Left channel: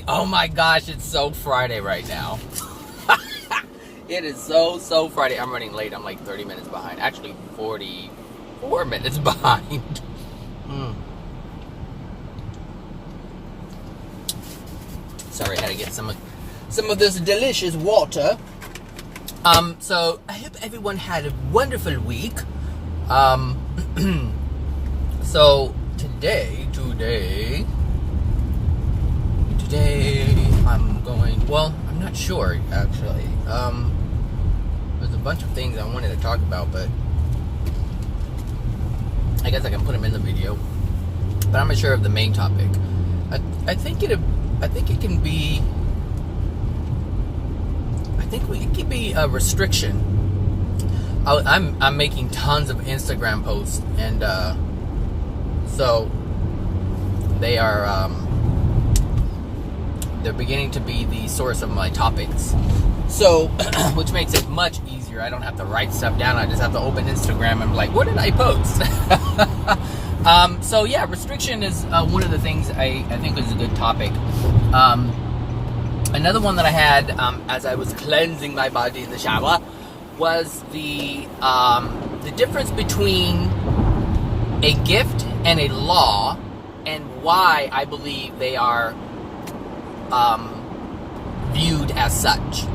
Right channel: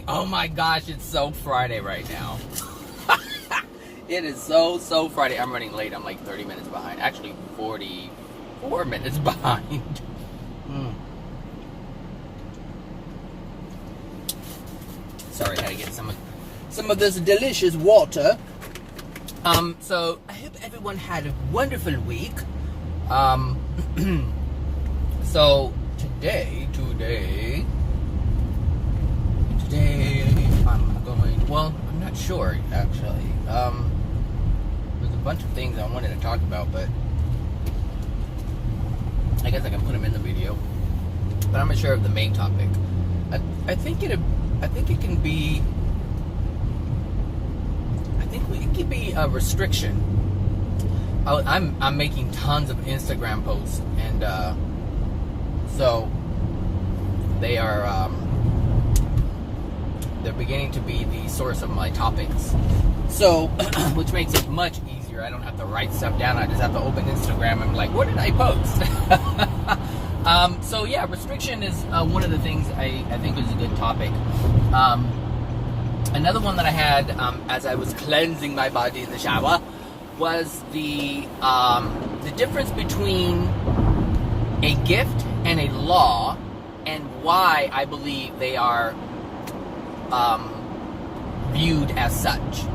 morning. Oh my gosh, it's so Friday right now. It is so Friday. I'm running late. I'm like 30 minutes behind. Actually, 44 minutes behind. Sorry, I had to get some of this delicious water. So I hope everyone had a wonderful week. So today I'm going, well, I'm not sure actually. There's a bunch of things I wanted to talk about, but I guess I can put them in the video. But I'm not sure of the main topic. I think it can be a restriction. I'm making tons of Instagram posts, and so they are they're beginning to be the source of my topics. So, which makes it much easier. I don't have to write stuff down. I just have to open Instagram and like, what did I post? So yeah, restriction is one of the things I think is a good topic. Another one that I had as I was cleansing my body in the shower was the difference between a gift and a law, and why I believe they are viewed as such.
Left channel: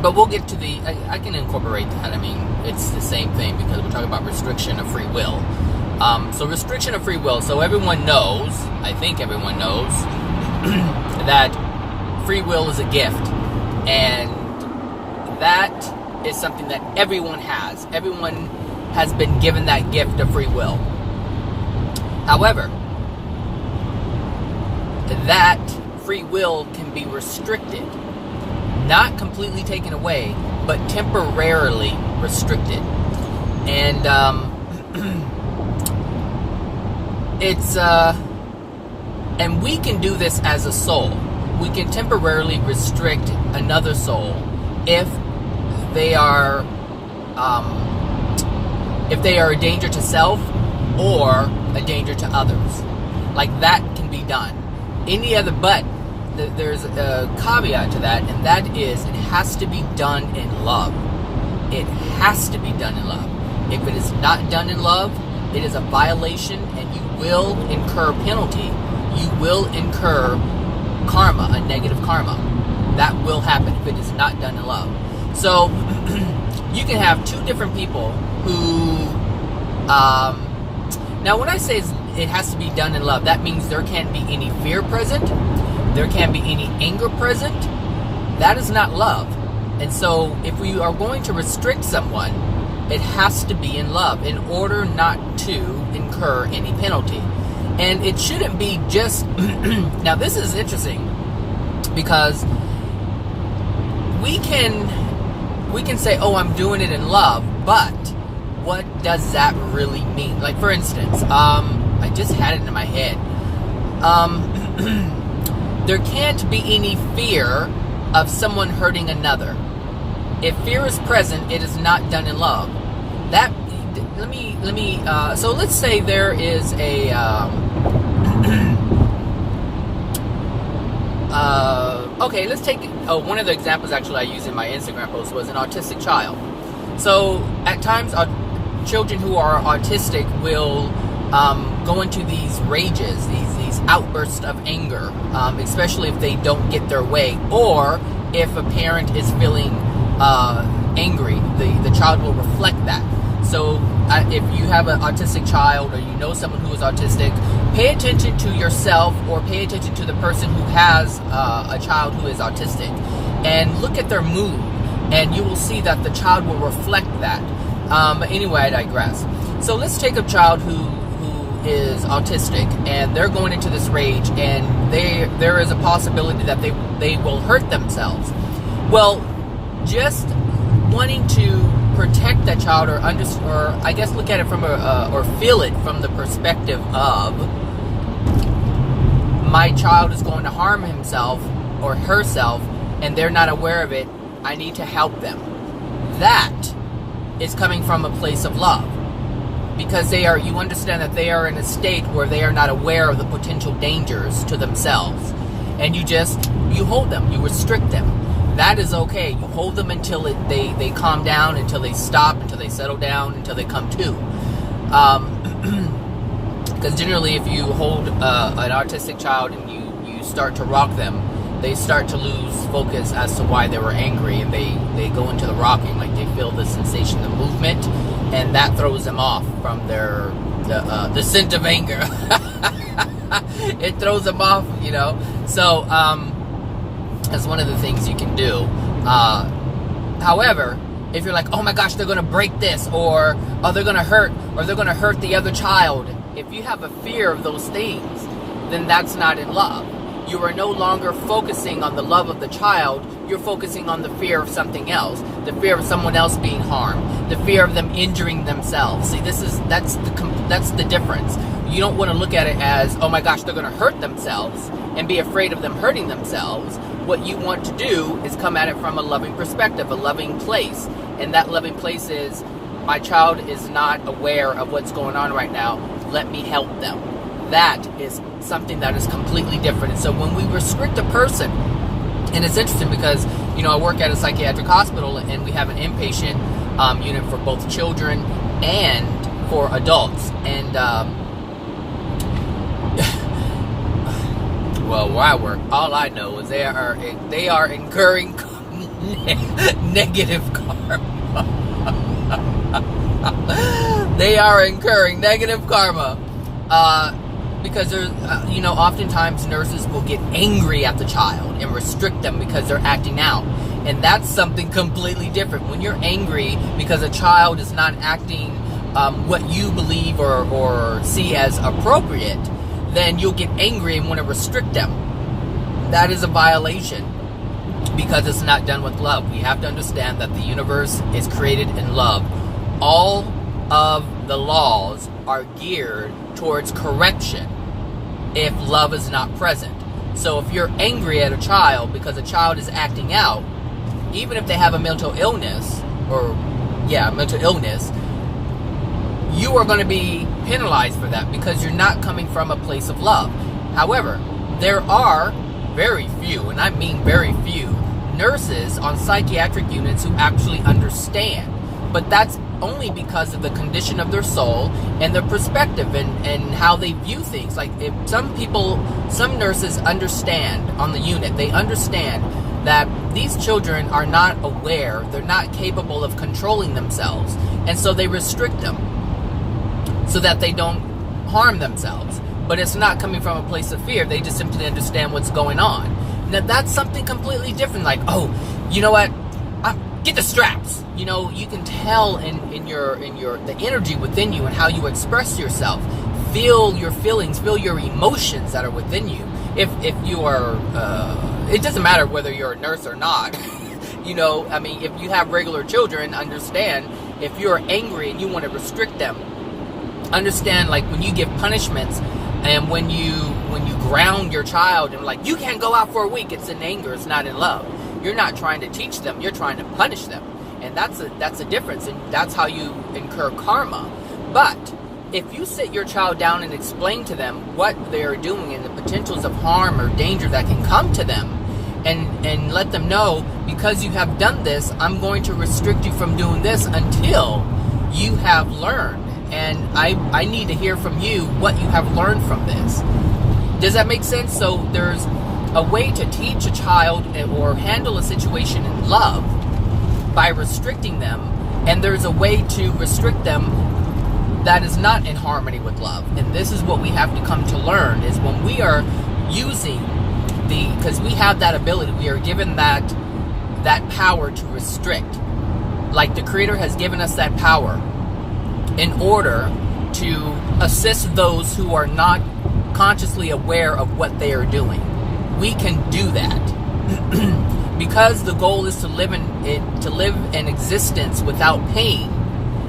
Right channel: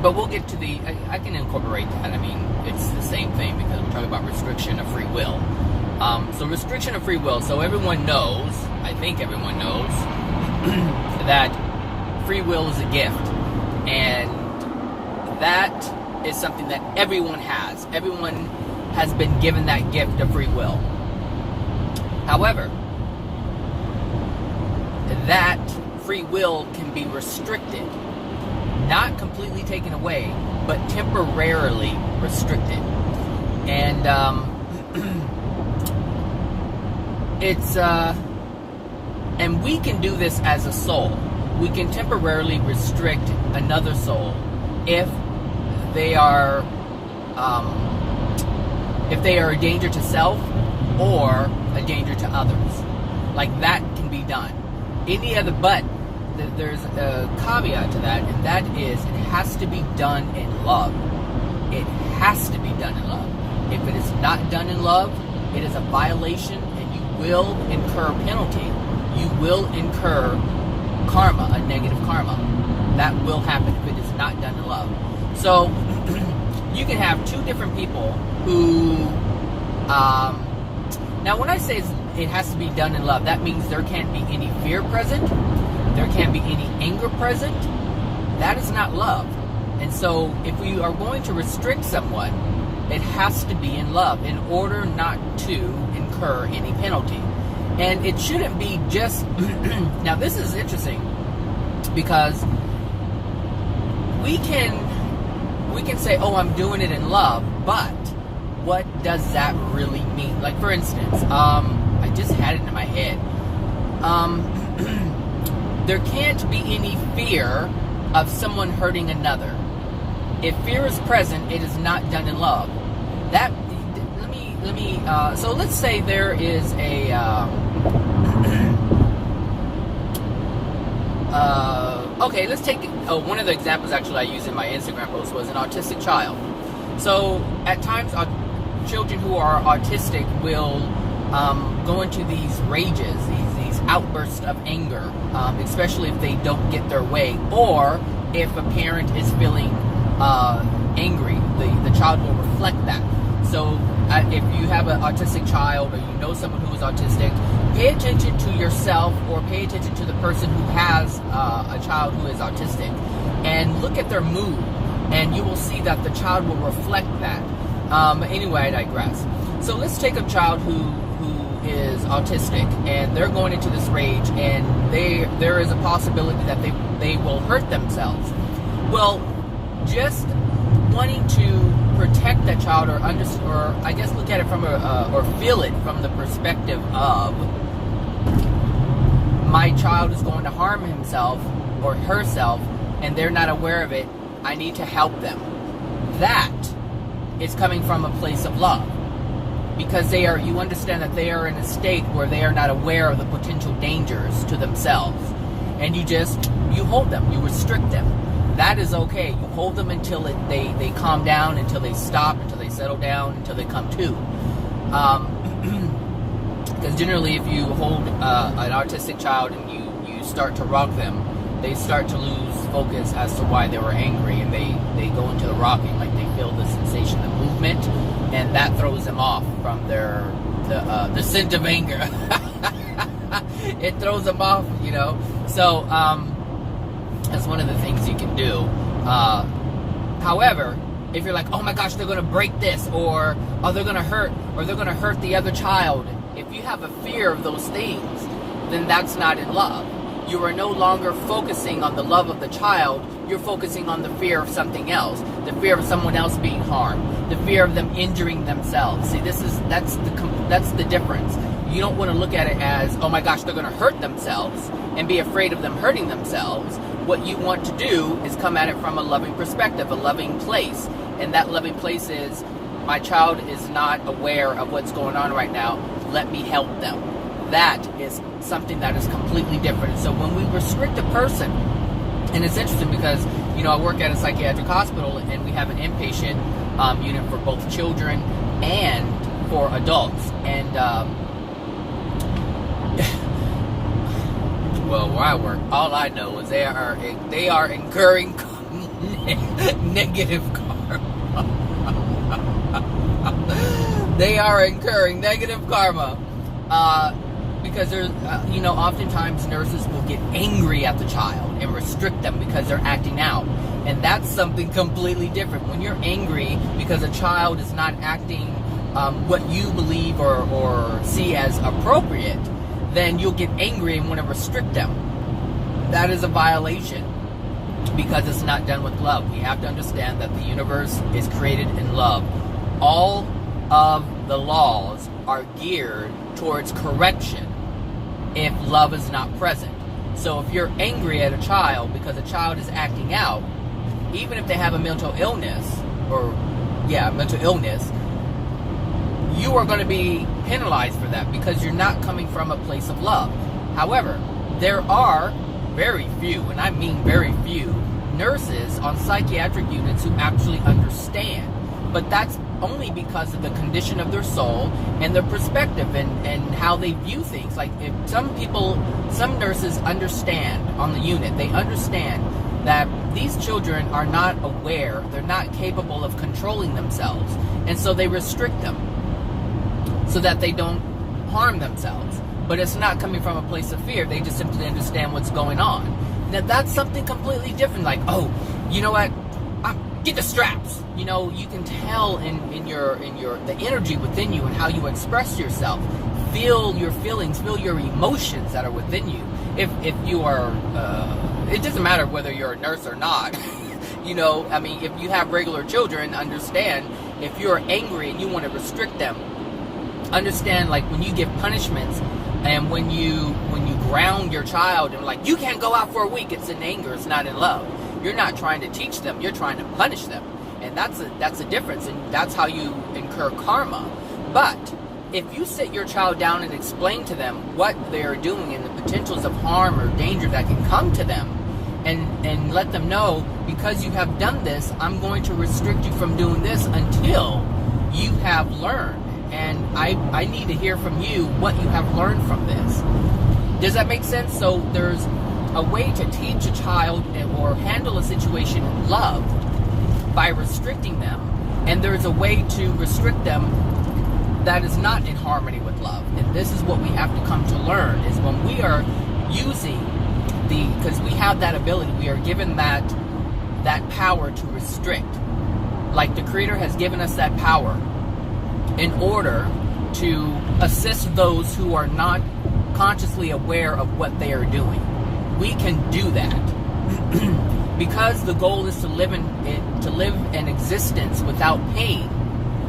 But we'll get to I can incorporate that. I mean, it's the same thing because we're talking about restriction of free will. So restriction of free will. So everyone knows, I think everyone knows, that free will is a gift. And that is something that everyone has. Everyone has been given that gift of free will. However, that free will can be restricted. Not completely taken away, but temporarily restricted. And and we can do this as a soul. We can temporarily restrict another soul if they are a danger to self or a danger to others. Like, that can be done. But there's a caveat to that, and that is it has to be done in love. It has to be done in love. If it is not done in love, it is a violation, and you will incur penalty. You will incur karma, a negative karma. That will happen if it is not done in love. So you can have two different people who now when I say it has to be done in love, that means there can't be any fear present, there can't be any anger present. That is not love. And so if we are going to restrict someone, it has to be in love in order not to incur any penalty. And it shouldn't be just now this is interesting, because we can say, oh, I'm doing it in love, but what does that really mean? Like, for instance, I just had it in my head. There can't be any fear of someone hurting another. If fear is present, it is not done in love. So let's say there is a okay, let's take one of the examples actually I used in my Instagram post was an autistic child. So at times children who are autistic will go into these rages, these outbursts of anger, especially if they don't get their way, or if a parent is feeling angry, the child will reflect that. So if you have an autistic child, or you know someone who is autistic, pay attention to yourself, or pay attention to the person who has a child who is autistic, and look at their mood, and you will see that the child will reflect that. But anyway, I digress. So let's take a child who is autistic, and they're going into this rage, and there is a possibility that they will hurt themselves. Well, just wanting to protect that child, or I guess look at it from or feel it from the perspective of, my child is going to harm himself or herself, and they're not aware of it. I need to help them. That is coming from a place of love. because you understand that they are in a state where they are not aware of the potential dangers to themselves. And you hold them, you restrict them. That is okay. You hold them until they calm down, until they stop, until they settle down, until they come to. Because generally, if you hold an autistic child and you start to rock them, they start to lose focus as to why they were angry, and they go into the rocking, like they feel the sensation, the movement, and that throws them off from the scent of anger. It throws them off, So that's one of the things you can do. However, if you're like, oh my gosh, they're going to break this, or oh, they're going to hurt the other child, if you have a fear of those things, then that's not in love. You are no longer focusing on the love of the child. You're focusing on the fear of something else, the fear of someone else being harmed, the fear of them injuring themselves. See, that's the difference. You don't want to look at it as, oh my gosh, they're going to hurt themselves and be afraid of them hurting themselves. What you want to do is come at it from a loving perspective, a loving place. And that loving place is, my child is not aware of what's going on right now. Let me help them. That is something that is completely different. So when we restrict a person, and it's interesting because, I work at a psychiatric hospital, and we have an inpatient unit for both children and for adults. And, well, where I work, all I know is they are incurring negative karma. They are incurring negative karma. Because there's, oftentimes nurses will get angry at the child and restrict them because they're acting out. And that's something completely different. When you're angry because a child is not acting what you believe or see as appropriate, then you'll get angry and want to restrict them. That is a violation because it's not done with love. We have to understand that the universe is created in love. All of the laws are geared towards correction if love is not present. So if you're angry at a child because a child is acting out, even if they have a mental illness, you are going to be penalized for that because you're not coming from a place of love. However, there are very few, and I mean very few, nurses on psychiatric units who actually understand. But that's only because of the condition of their soul and their perspective and how they view things. Like, if some nurses understand on the unit, they understand that these children are not aware, they're not capable of controlling themselves, and so they restrict them so that they don't harm themselves. But it's not coming from a place of fear. They just simply understand what's going on. Now that's something completely different. Like, oh, you know what? Get the straps. You can tell in the energy within you and how you express yourself. Feel your feelings, feel your emotions that are within you. If you are, it doesn't matter whether you're a nurse or not. If you have regular children, understand if you're angry and you want to restrict them. Understand, like, when you give punishments and when you ground your child and like, you can't go out for a week, it's in anger, it's not in love. You're not trying to teach them, you're trying to punish them. And that's a difference, and that's how you incur karma. But if you sit your child down and explain to them what they're doing and the potentials of harm or danger that can come to them, and let them know, because you have done this, I'm going to restrict you from doing this until you have learned. And I need to hear from you what you have learned from this. Does that make sense? So there's a way to teach a child or handle a situation in love by restricting them, and there's a way to restrict them that is not in harmony with love. And this is what we have to come to learn, is when we are using because we have that ability, we are given that power to restrict. Like, the Creator has given us that power in order to assist those who are not consciously aware of what they are doing. We can do that because the goal is to live an existence without pain.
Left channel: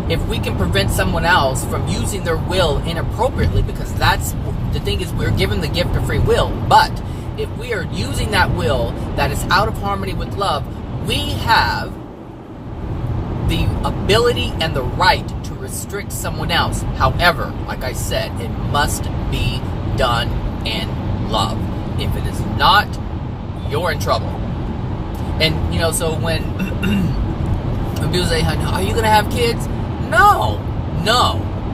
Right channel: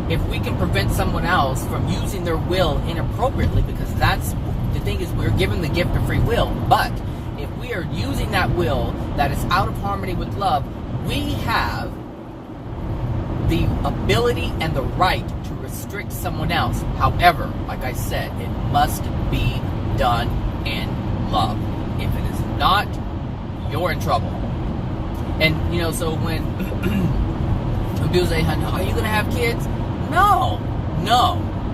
If we can prevent someone else from using their will inappropriately, because that's the thing, is we're given the gift of free will. But if we are using that will that is out of harmony with love, we have the ability and the right to restrict someone else. However, like I said, it must be done in love. If it is not, you're in trouble. And, you know, so when people say, are you going to have kids? No,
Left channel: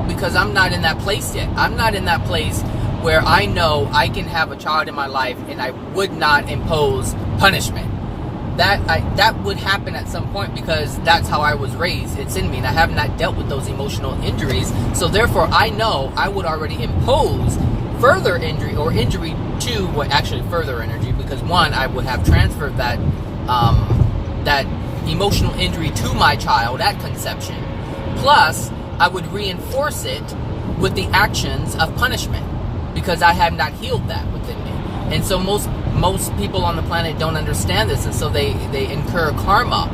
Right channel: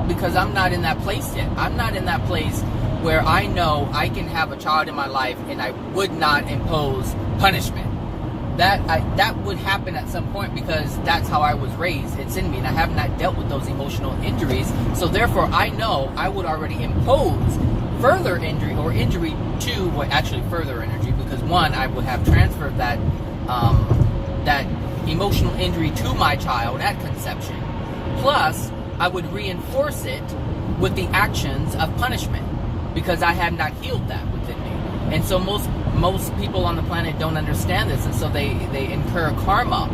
because I'm not in that place yet. I'm not in that place where I know I can have a child in my life and I would not impose punishment. That would happen at some point because that's how I was raised. It's in me, and I have not dealt with those emotional injuries. So therefore, I know I would already impose further injury or injury to, well, actually further injury, because one, I would have transferred that that emotional injury to my child at conception. Plus, I would reinforce it with the actions of punishment because I have not healed that within me. And so most people on the planet don't understand this, and so they incur karma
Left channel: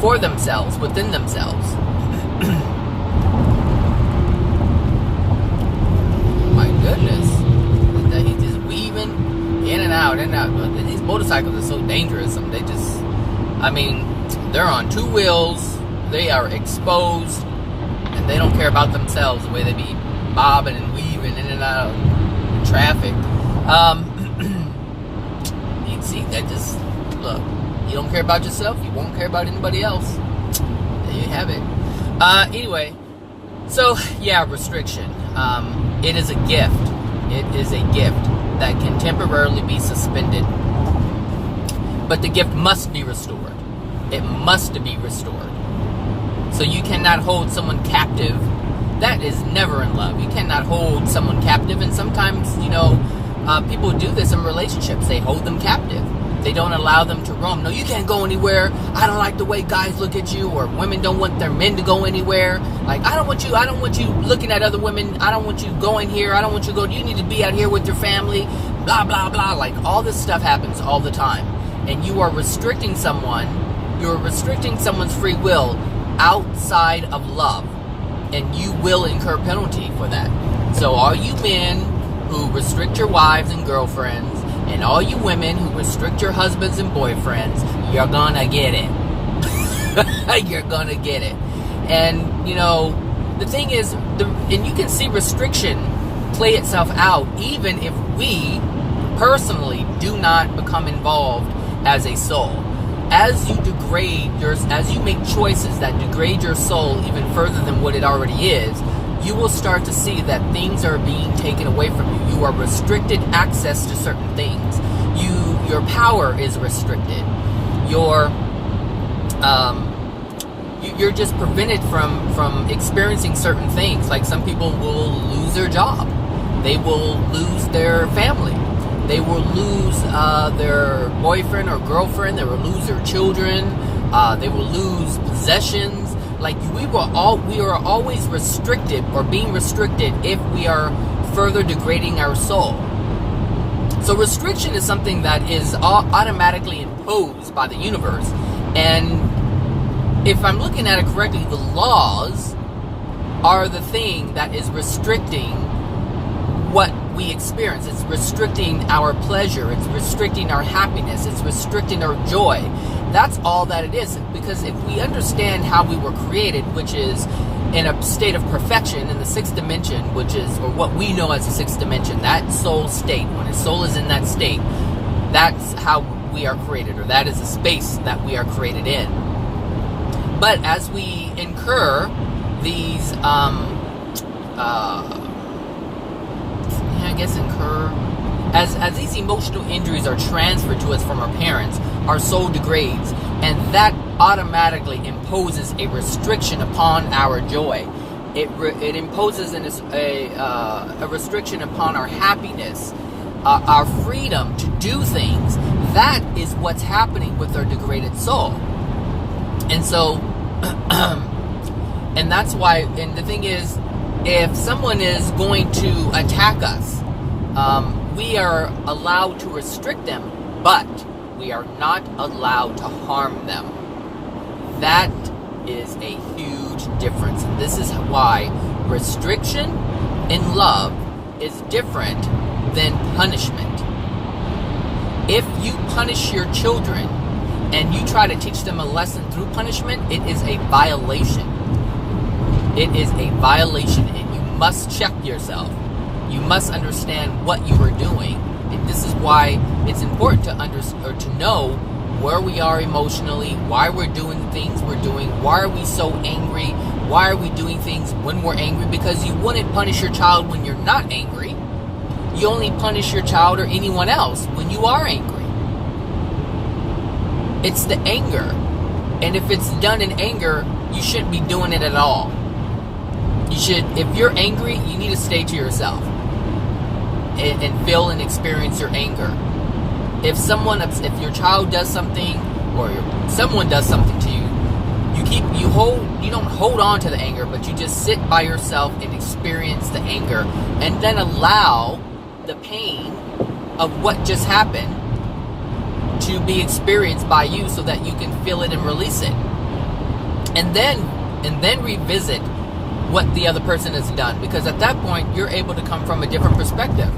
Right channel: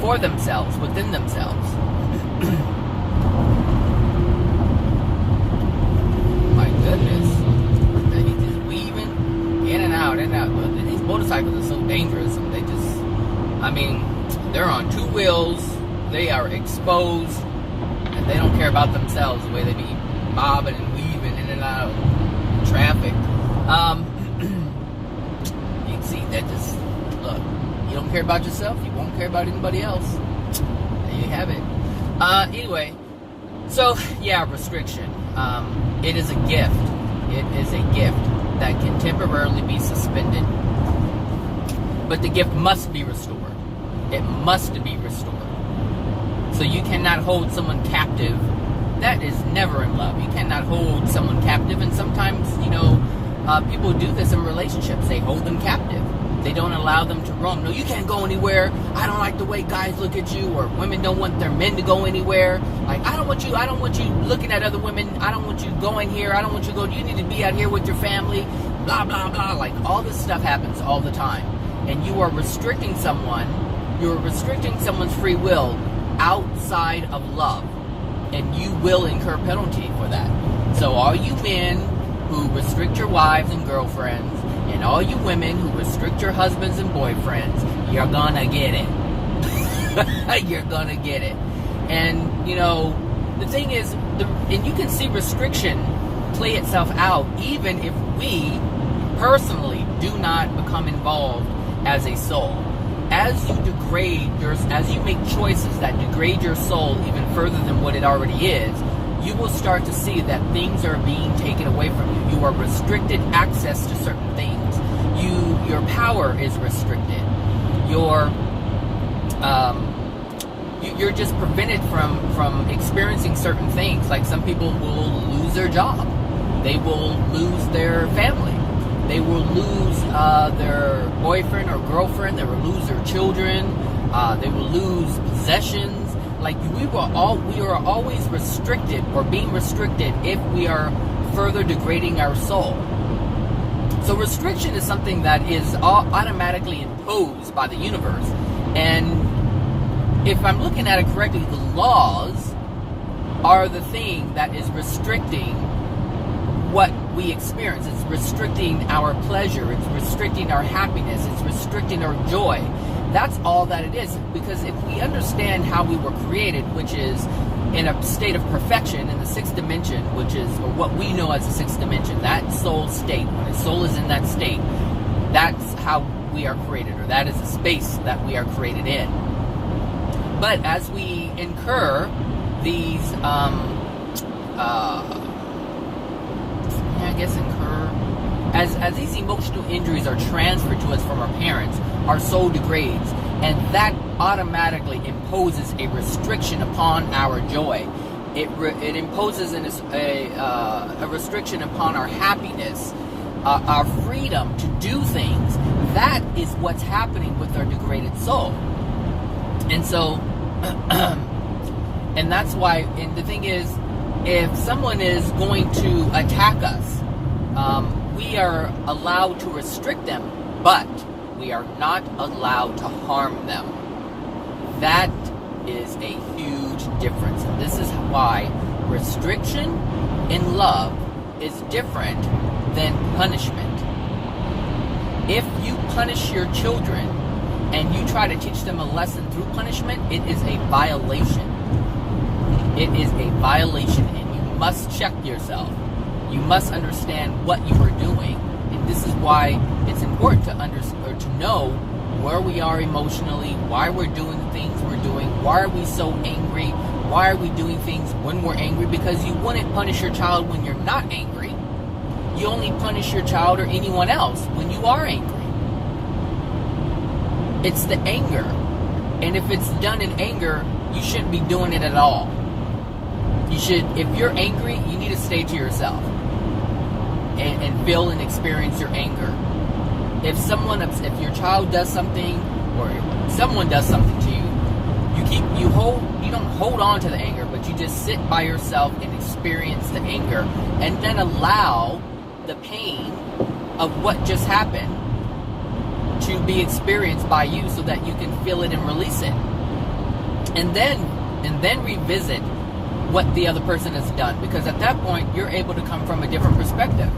for themselves, within themselves. My goodness. He's just weaving in and out. But these motorcycles are so dangerous. They just, I mean, they're on two wheels, they are exposed, and they don't care about themselves the way they be bobbing and weaving in and out of traffic. You see, that just, look, you don't care about yourself, you won't care about anybody else. There you have it. Anyway, so, yeah, restriction. It is a gift. It is a gift that can temporarily be suspended. But the gift must be restored. It must be restored. So you cannot hold someone captive. That is never in love. You cannot hold someone captive. And sometimes, you know, people do this in relationships. They hold them captive. They don't allow them to roam. No, you can't go anywhere. I don't like the way guys look at you, or women don't want their men to go anywhere. Like, I don't want you looking at other women. I don't want you going here. I don't want you going, you need to be out here with your family. Blah, blah, blah. Like, all this stuff happens all the time. And you are restricting someone. You're restricting someone's free will outside of love. And you will incur penalty for that. So all you men who restrict your wives and girlfriends, and all you women who restrict your husbands and boyfriends, you're gonna get it. You're gonna get it. And, you know, the thing is, and you can see restriction play itself out even if we personally do not become involved as a soul. As you as you make choices that degrade your soul even further than what it already is, you will start to see that things are being taken away from you. You are restricted access to certain things. Your power is restricted. You're just prevented from experiencing certain things. Like, some people will lose their job. They will lose their family. They will lose their boyfriend or girlfriend. They will lose their children. They will lose possessions. Like, we are always restricted, or being restricted, if we are further degrading our soul. So restriction is something that is automatically imposed by the universe. And if I'm looking at it correctly, the laws are the thing that is restricting what we experience. It's restricting our pleasure. It's restricting our happiness. It's restricting our joy. That's all that it is. Because if we understand how we were created, which is in a state of perfection in the sixth dimension, which is, or what we know as the sixth dimension, that soul state, when a soul is in that state, that's how we are created, or that is the space that we are created in. But as we incur these, as these emotional injuries are transferred to us from our parents, our soul degrades, and that automatically imposes a restriction upon our joy. It imposes a restriction upon our happiness, our freedom to do things. That is what's happening with our degraded soul. And so, and that's why, and the thing is, if someone is going to attack us, we are allowed to restrict them, but we are not allowed to harm them. That is a huge difference. And this is why restriction in love is different than punishment. If you punish your children and you try to teach them a lesson through punishment, it is a violation. It is a violation, and you must check yourself. You must understand what you are doing, and this is why it's important to know where we are emotionally, why we're doing things we're doing, why are we so angry, why are we doing things when we're angry, because you wouldn't punish your child when you're not angry. You only punish your child or anyone else when you are angry. It's the anger, and if it's done in anger, you shouldn't be doing it at all. You should, if you're angry, you need to stay to yourself and feel and experience your anger. If your child does something or someone does something to you, you don't hold on to the anger, but you just sit by yourself and experience the anger, and then allow the pain of what just happened to be experienced by you, so that you can feel it and release it, and then revisit what the other person has done, because at that point you're able to come from a different perspective,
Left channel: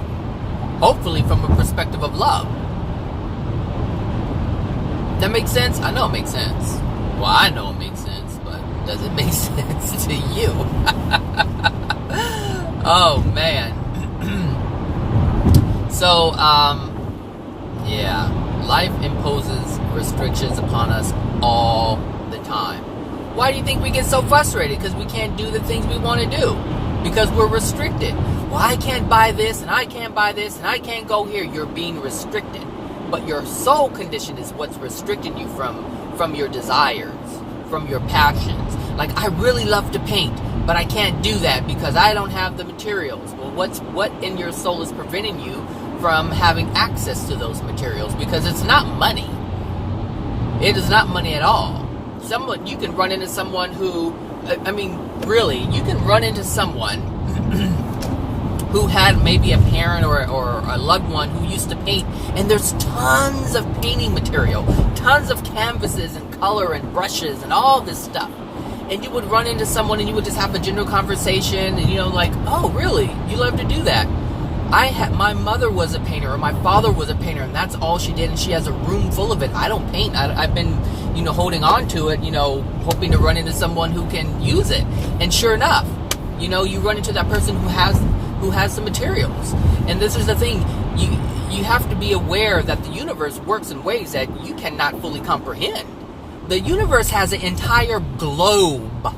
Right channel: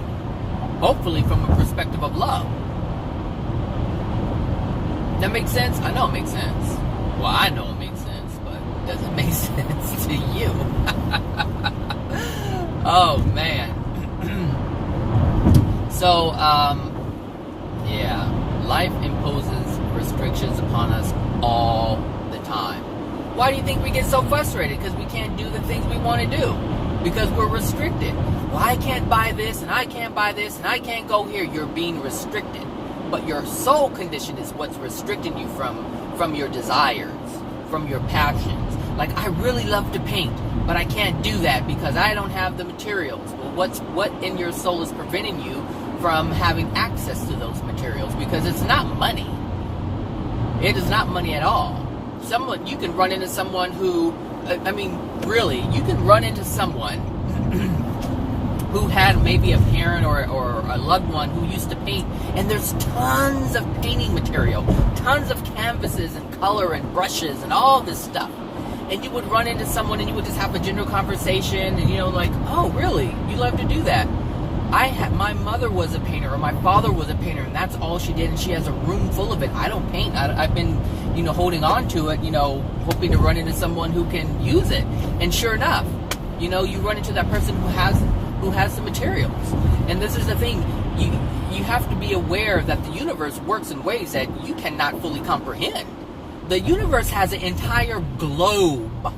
hopefully from a perspective of love. That makes sense? I know it makes sense. Well, I know it makes sense, but does it make sense to you? Oh man. So yeah, life imposes restrictions upon us all the time. Why do you think we get so frustrated? Because we can't do the things we want to do. Because we're restricted. Well, I can't buy this, and I can't buy this, and I can't go here. You're being restricted. But your soul condition is what's restricting you from your desires, from your passions. Like, I really love to paint, but I can't do that because I don't have the materials. Well, what in your soul is preventing you from having access to those materials? Because it's not money. It is not money at all. You can run into someone who, really, you can run into someone who had maybe a parent or a loved one who used to paint, and there's tons of painting material, tons of canvases and color and brushes and all this stuff. And you would run into someone and you would just have a general conversation, and like, oh, really? You love to do that? My mother was a painter, or my father was a painter, and that's all she did, and she has a room full of it. I don't paint. I've been, holding on to it, hoping to run into someone who can use it. And sure enough, you run into that person who has some materials. And this is the thing, you have to be aware that the universe works in ways that you cannot fully comprehend. The universe has an entire globe.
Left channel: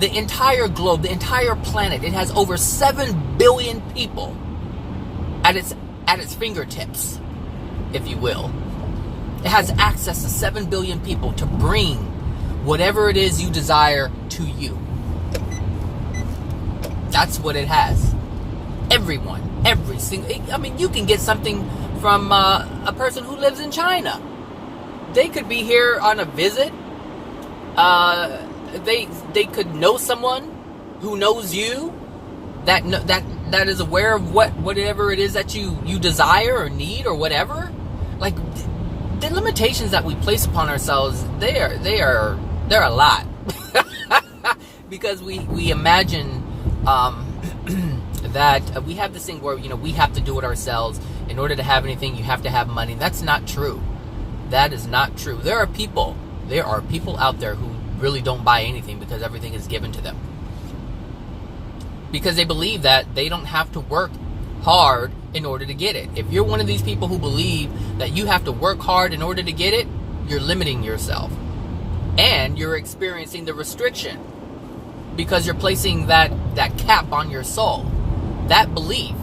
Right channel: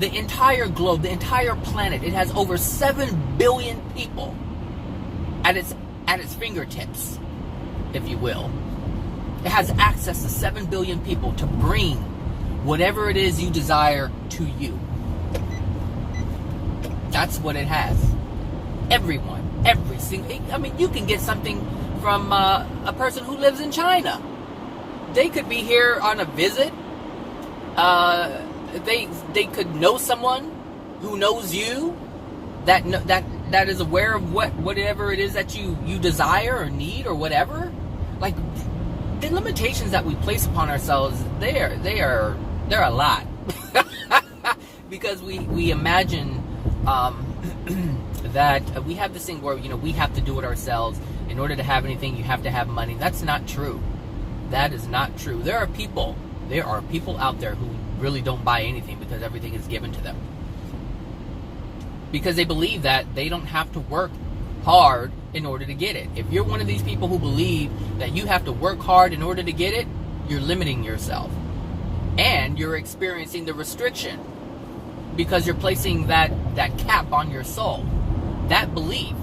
The entire planet. It has over 7 billion people at its fingertips, if you will. It has access to 7 billion people to bring whatever it is you desire to you. That's what it has. Everyone, every single, you can get something from a person who lives in China. They could be here on a visit. They could know someone who knows you, that is aware of whatever it is that you desire or need or whatever. Like, the limitations that we place upon ourselves, they're a lot. Because we imagine that we have this thing where we have to do it ourselves. In order to have anything, you have to have money. That's not true. That is not true. There are people out there who really don't buy anything because everything is given to them, because they believe that they don't have to work hard in order to get it. If you're one of these people who believe that you have to work hard in order to get it, you're limiting yourself, and you're experiencing the restriction, because you're placing that cap on your soul. That belief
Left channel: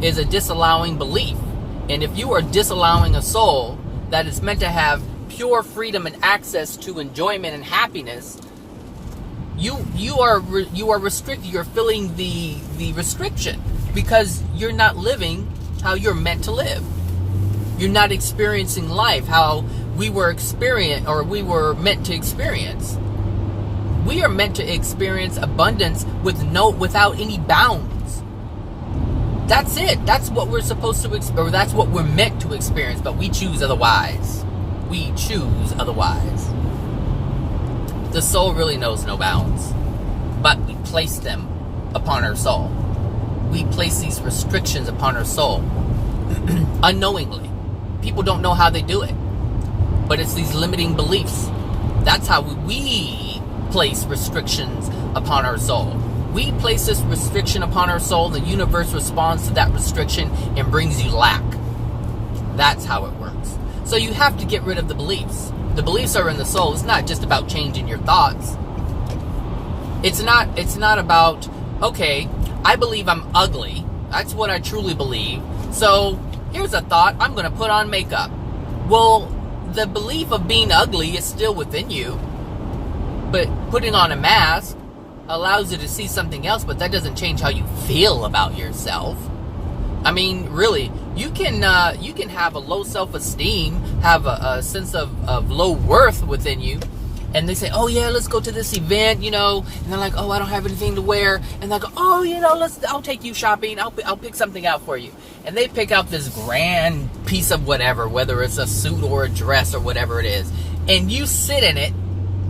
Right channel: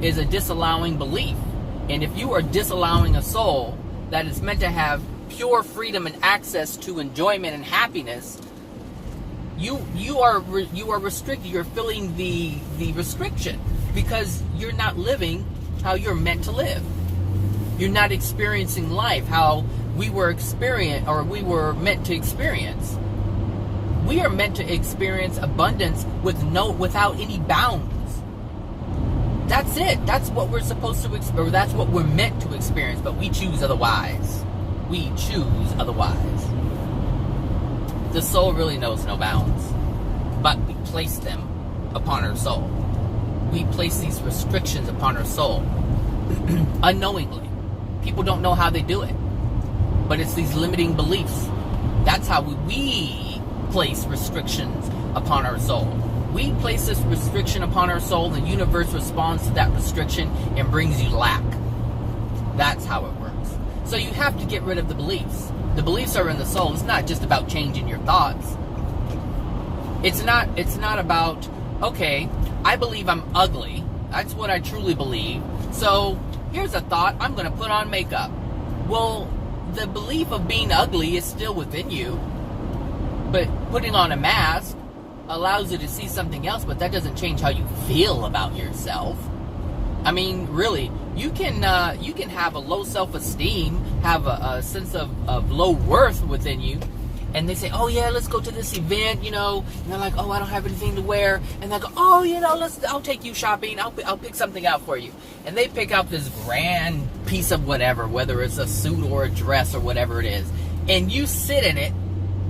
is a disallowing belief, and if you are disallowing a soul that is meant to have pure freedom and access to enjoyment and happiness, you are restricted. You're feeling the restriction because you're not living how you're meant to live. You're not experiencing life how we were meant to experience. We are meant to experience abundance without any bounds. That's it. That's what we're supposed to experience. That's what we're meant to experience. But we choose otherwise. We choose otherwise. The soul really knows no bounds, but we place them upon our soul. We place these restrictions upon our soul unknowingly. People don't know how they do it, but it's these limiting beliefs. That's how we place restrictions upon our soul. We place this restriction upon our soul. The universe responds to that restriction and brings you lack. That's how it works. So you have to get rid of the beliefs. The beliefs are in the soul. It's not just about changing your thoughts. It's not about, okay, I believe I'm ugly. That's what I truly believe. So here's a thought, I'm going to put on makeup. Well, the belief of being ugly is still within you. But putting on a mask allows you to see something else, but that doesn't change how you feel about yourself. I mean, really, you can have a low self-esteem, have a sense of low worth within you, and they say, oh yeah, let's go to this event, and they're like, oh, I don't have anything to wear, and they go, oh, I'll take you shopping, I'll pick something out for you, and they pick out this grand piece of whatever, whether it's a suit or a dress or whatever it is, and you sit in it,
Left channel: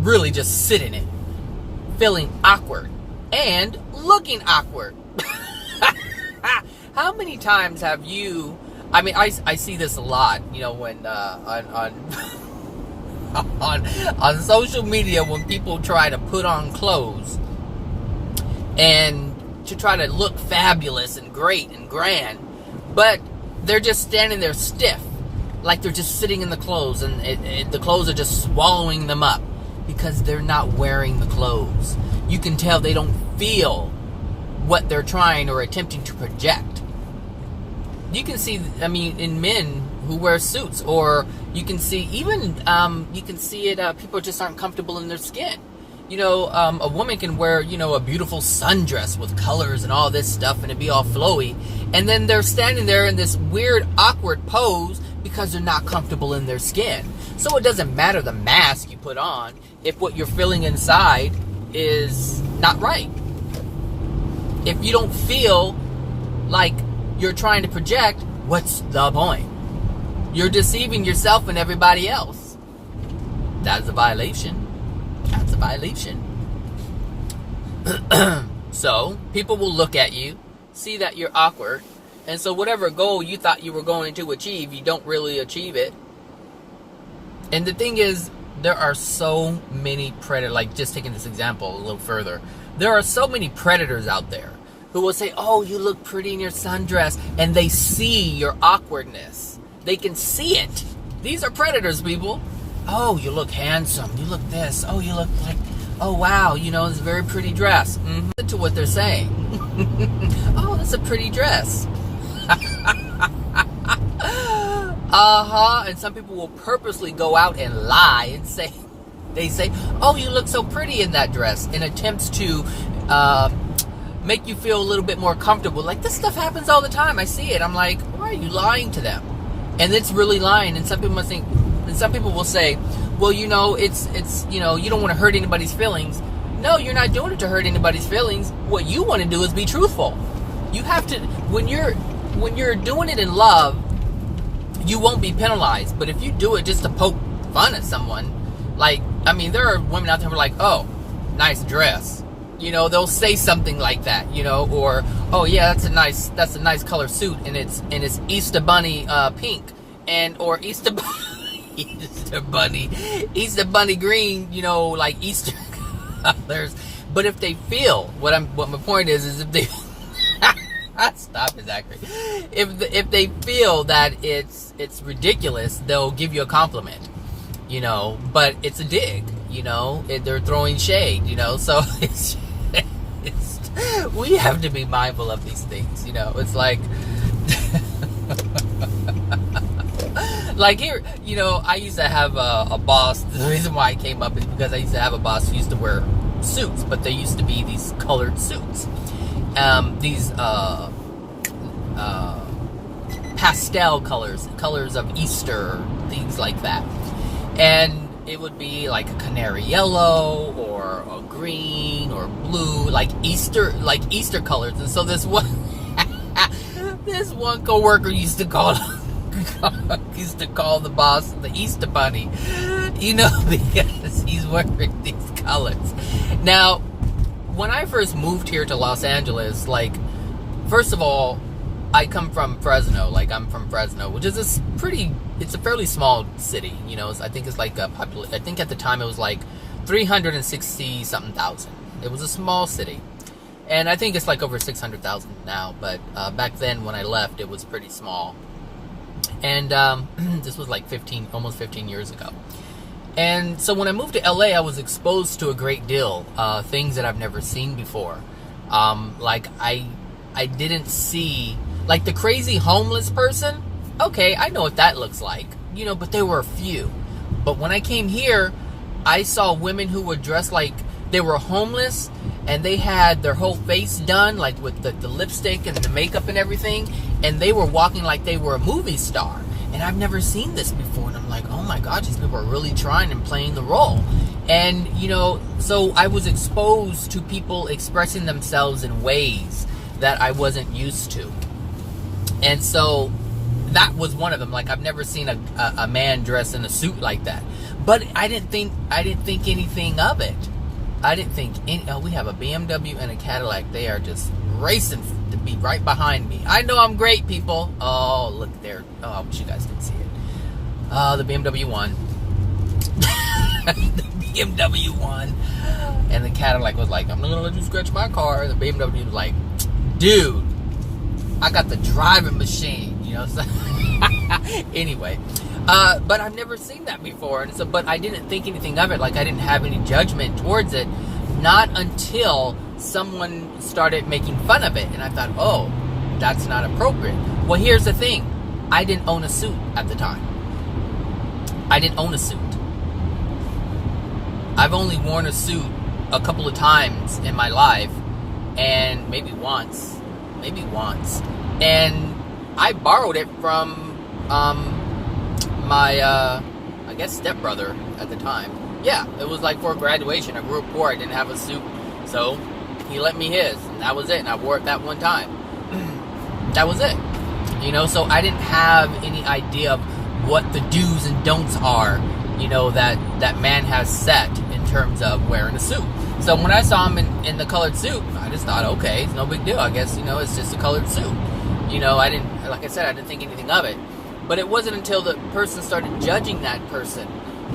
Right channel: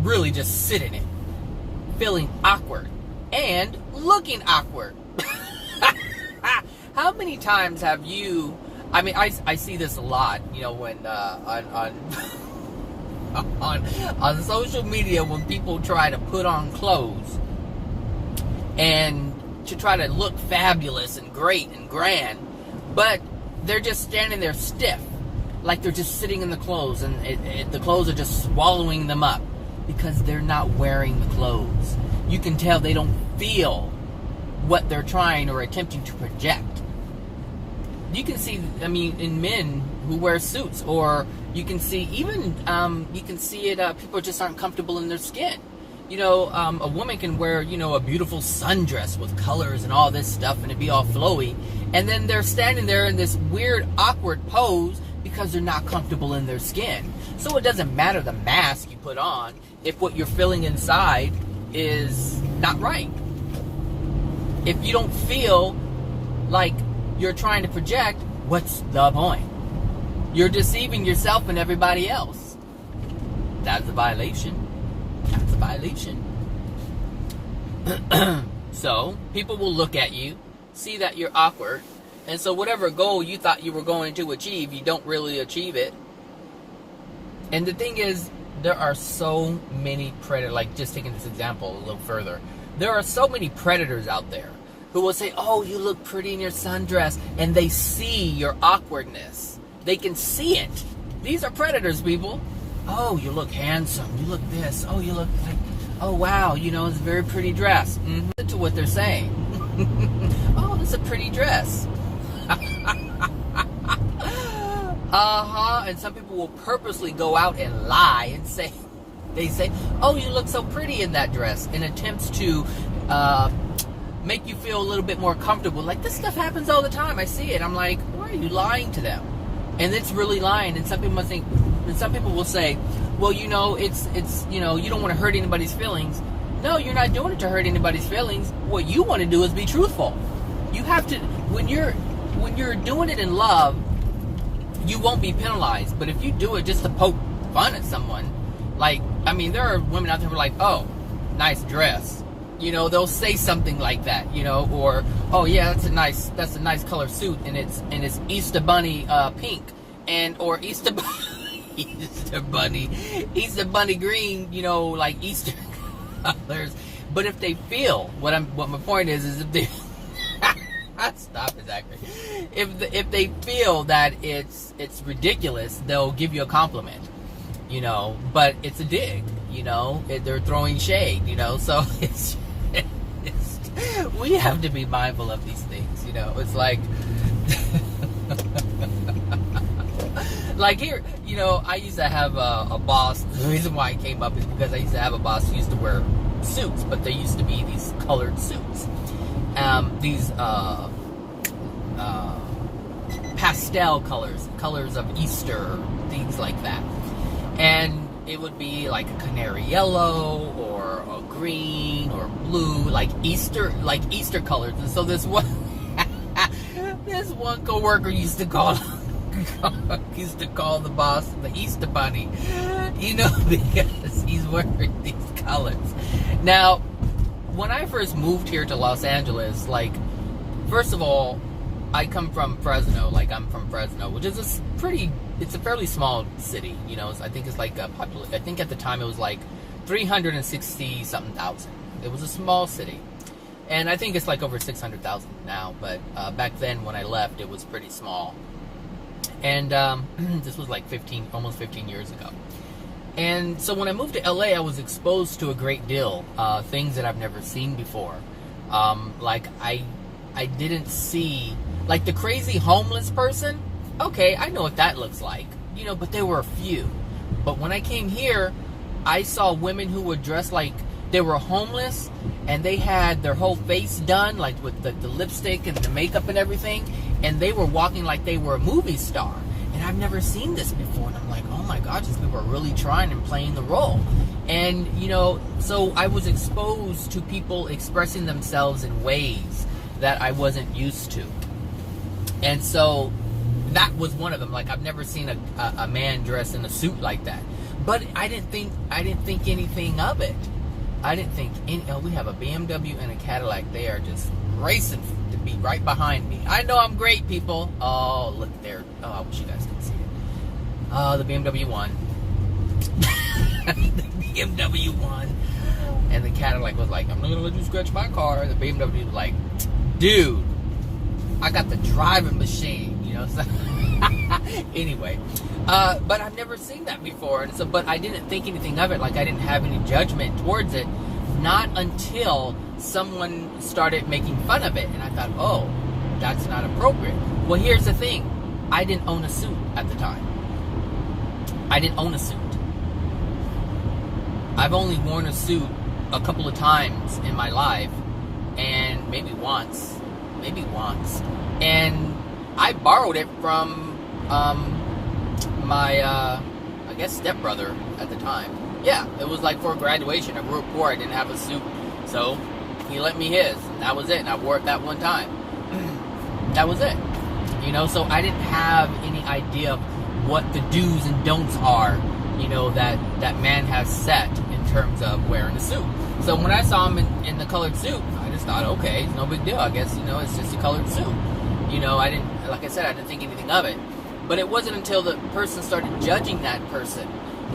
really just sit in it, feeling awkward and looking awkward. How many times have you, I mean, I see this a lot, when on social media, when people try to put on clothes and to try to look fabulous and great and grand, but they're just standing there stiff, like they're just sitting in the clothes, and the clothes are just swallowing them up because they're not wearing the clothes. You can tell they don't feel what they're trying or attempting to project. You can see, I mean, in men who wear suits, or you can see even, you can see it, people just aren't comfortable in their skin. A woman can wear, a beautiful sundress with colors and all this stuff, and it'd be all flowy, and then they're standing there in this weird, awkward pose because they're not comfortable in their skin. So it doesn't matter the mask you put on if what you're feeling inside is not right. If you don't feel like you're trying to project, what's the point? You're deceiving yourself and everybody else. That's a violation. That's a violation. So, people will look at you, see that you're awkward, and so whatever goal you thought you were going to achieve, you don't really achieve it. And the thing is, there are so many predators, like just taking this example a little further, there are so many predators out there who will say, oh, you look pretty in your sundress, and they see your awkwardness. They can see it. These are predators, people. Oh, you look handsome. You look this. Oh, you look like, oh, wow, it's a very pretty dress. Mm-hmm. To what they're saying. Oh, it's a pretty dress. And some people will purposely go out and lie and say, oh, you look so pretty in that dress, in attempts to make you feel a little bit more comfortable. Like, this stuff happens all the time. I see it. I'm like, why are you lying to them? And it's really lying. And some people must think, and some people will say, well, it's you don't want to hurt anybody's feelings. No, you're not doing it to hurt anybody's feelings. What you want to do is be truthful. You have to, when you're doing it in love, you won't be penalized. But if you do it just to poke fun at someone, like, I mean, there are women out there who are like, oh, nice dress. They'll say something like that, or, oh yeah, that's a nice color suit, and it's Easter Bunny pink, or Easter Bunny green, like Easter colors. But if they feel, what my point is if they stop it, Zachary. If they feel that it's ridiculous, they'll give you a compliment, but it's a dig, they're throwing shade, so we have to be mindful of these things, it's like, like here, I used to have a boss. The reason why I came up is because I used to have a boss who used to wear suits, but they used to be these colored suits, these pastel colors of Easter, things like that, and it would be like a canary yellow or a green or blue, like Easter colors. And so this one coworker used to call the boss the Easter Bunny, because he's wearing these colors. Now, when I first moved here to Los Angeles, like, first of all, I come from Fresno. Like, I'm from Fresno, which is it's a fairly small city, I think it's like I think at the time it was like 360 something thousand. It was a small city. And I think it's like over 600,000 now. But back then when I left, it was pretty small. And this was like almost 15 years ago. And so when I moved to LA, I was exposed to a great deal. Things that I've never seen before. Like I didn't see, like the crazy homeless person. Okay, I know what that looks like. You know, but there were a few. But when I came here, I saw women who were dressed like they were homeless, and they had their whole face done, like with the lipstick and the makeup and everything, and they were walking like they were a movie star. And I've never seen this before, and I'm like, oh my gosh, these people are really trying and playing the role. And, you know, so I was exposed to people expressing themselves in ways that I wasn't used to. And so that was one of them. Like, I've never seen a man dressed in a suit like that. But I didn't think anything of it. I didn't think we have a BMW and a Cadillac. They are just racing to be right behind me. I know I'm great, people. Oh, look there. Oh, I wish you guys could see it. Oh, the BMW won. The BMW won. And the Cadillac was like, I'm not going to let you scratch my car. The BMW was like, dude, I got the driving machine. You know, so anyway. But I've never seen that before. So, but I didn't think anything of it. Like, I didn't have any judgment towards it. Not until someone started making fun of it. And I thought, oh, that's not appropriate. Well, here's the thing. I didn't own a suit at the time. I didn't own a suit. I've only worn a suit a couple of times in my life. And maybe once. And I borrowed it from my, I guess, stepbrother at the time. Yeah, it was like for graduation. I grew up poor. I didn't have a suit. So he lent me his. And that was it. And I wore it that one time. That was it. You know, so I didn't have any idea of what the do's and don'ts are, you know, that man has set in terms of wearing a suit. So when I saw him in the colored suit, I just thought, okay, it's no big deal. I guess, you know, it's just a colored suit. You know, I didn't think anything of it. But it wasn't until the person started judging that person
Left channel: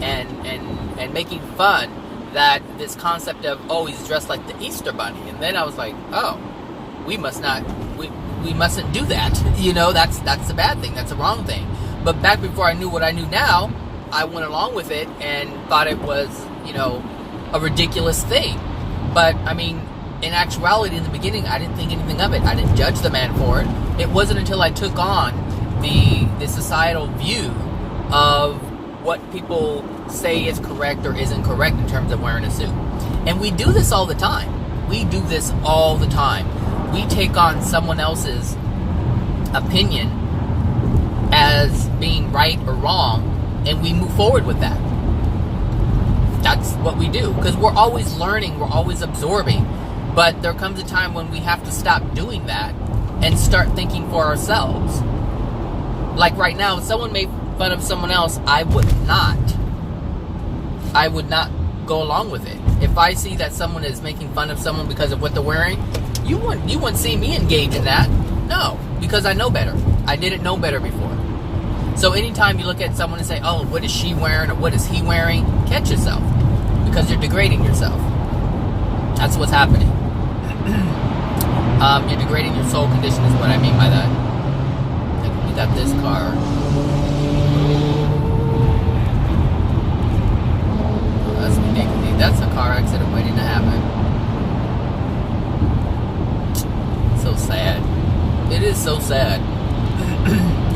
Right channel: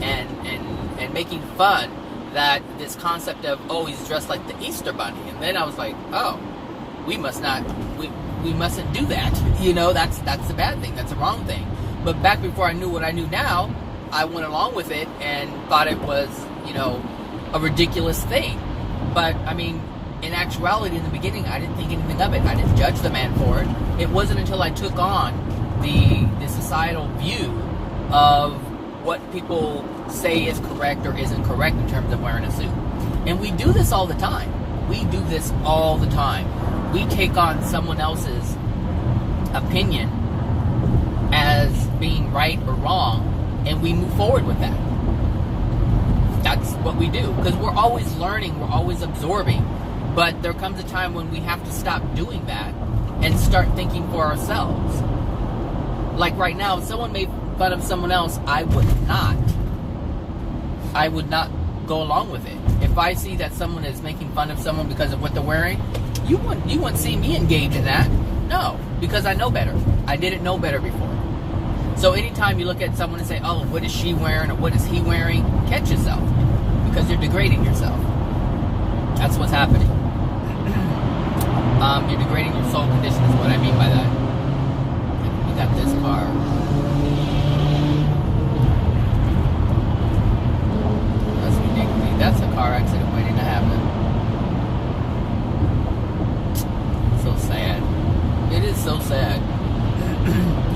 and making fun that this concept of, oh, he's dressed like the Easter Bunny. And then I was like, oh, we mustn't do that. You know, that's a bad thing. That's a wrong thing. But back before I knew what I knew now, I went along with it and thought it was, you know, a ridiculous thing. But, I mean, in actuality, in the beginning, I didn't think anything of it. I didn't judge the man for it. It wasn't until I took on the societal view of what people say is correct or isn't correct in terms of wearing a suit. And we do this all the time. We do this all the time. We take on someone else's opinion as being right or wrong, and we move forward with that. That's what we do, because we're always learning, we're always absorbing. But there comes a time when we have to stop doing that and start thinking for ourselves. Like right now, if someone made fun of someone else, I would not go along with it. If I see that someone is making fun of someone because of what they're wearing, you wouldn't see me engage in that. No, because I know better. I didn't know better before. So anytime you look at someone and say, oh, what is she wearing or what is he wearing, catch yourself, because you're degrading yourself. That's what's happening. You're degrading your soul condition is what I mean by that. We got this car. That's a car accident waiting to happen. So sad. It is so sad.